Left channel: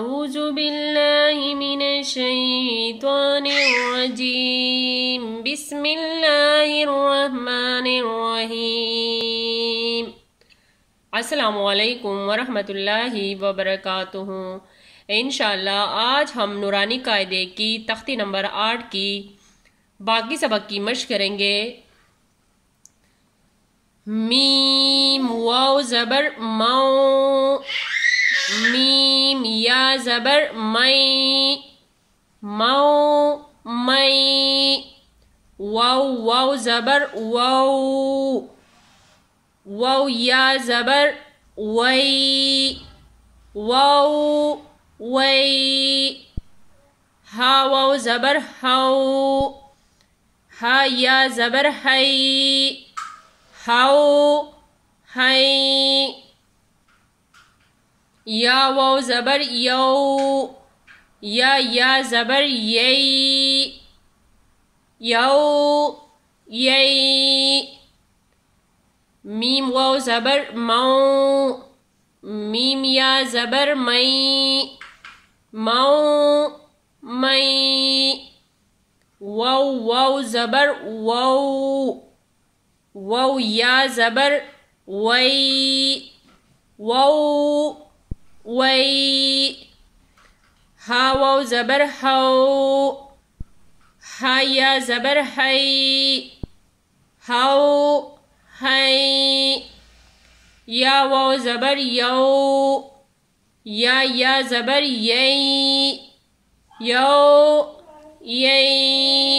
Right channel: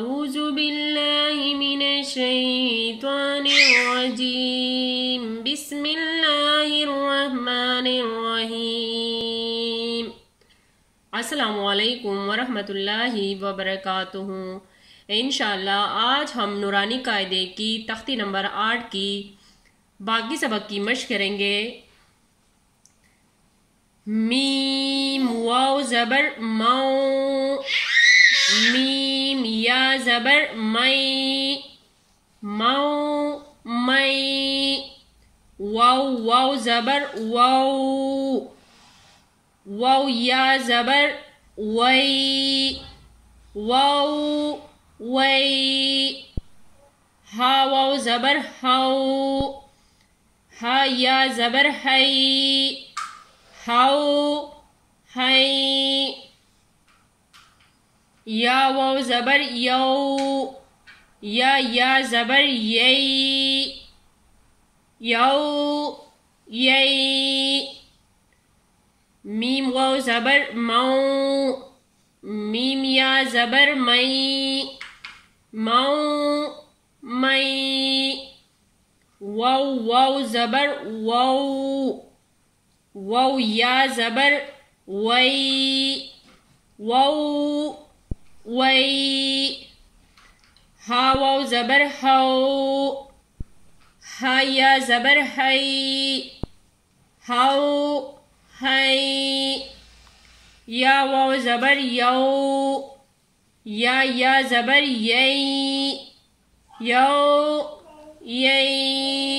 أعوذ بالله من الشيطان الرجيم بسم الله الرحمن الرحيم السلام علیکم ورحمۃ اللہ وبرکاتہ۔ انشاءاللہ آج ہم نورانی قاعدے کی تختی نمبر 8 کی باقی سبق کی مشق کریں گے۔ میم واو زبر مو، میم یا زبر مئی، مو مئی، واو واو زبر واو، واو یا زبر وی، واو وی، ہا واو زبر ہو، ہا یا زبر ہی، ہو ہی، یا واو زبر یو، یا زبر یئی، یو یئی، میم واو زبر مو، میم یا زبر مئی، مو مئی، واو واو زبر وو، واو یا زبر وی، وو وی، ہا واو زبر ہو، ہا یا زبر ہی، ہو ہی، یا واو زبر یو، یا زبر یئی، یو یئی،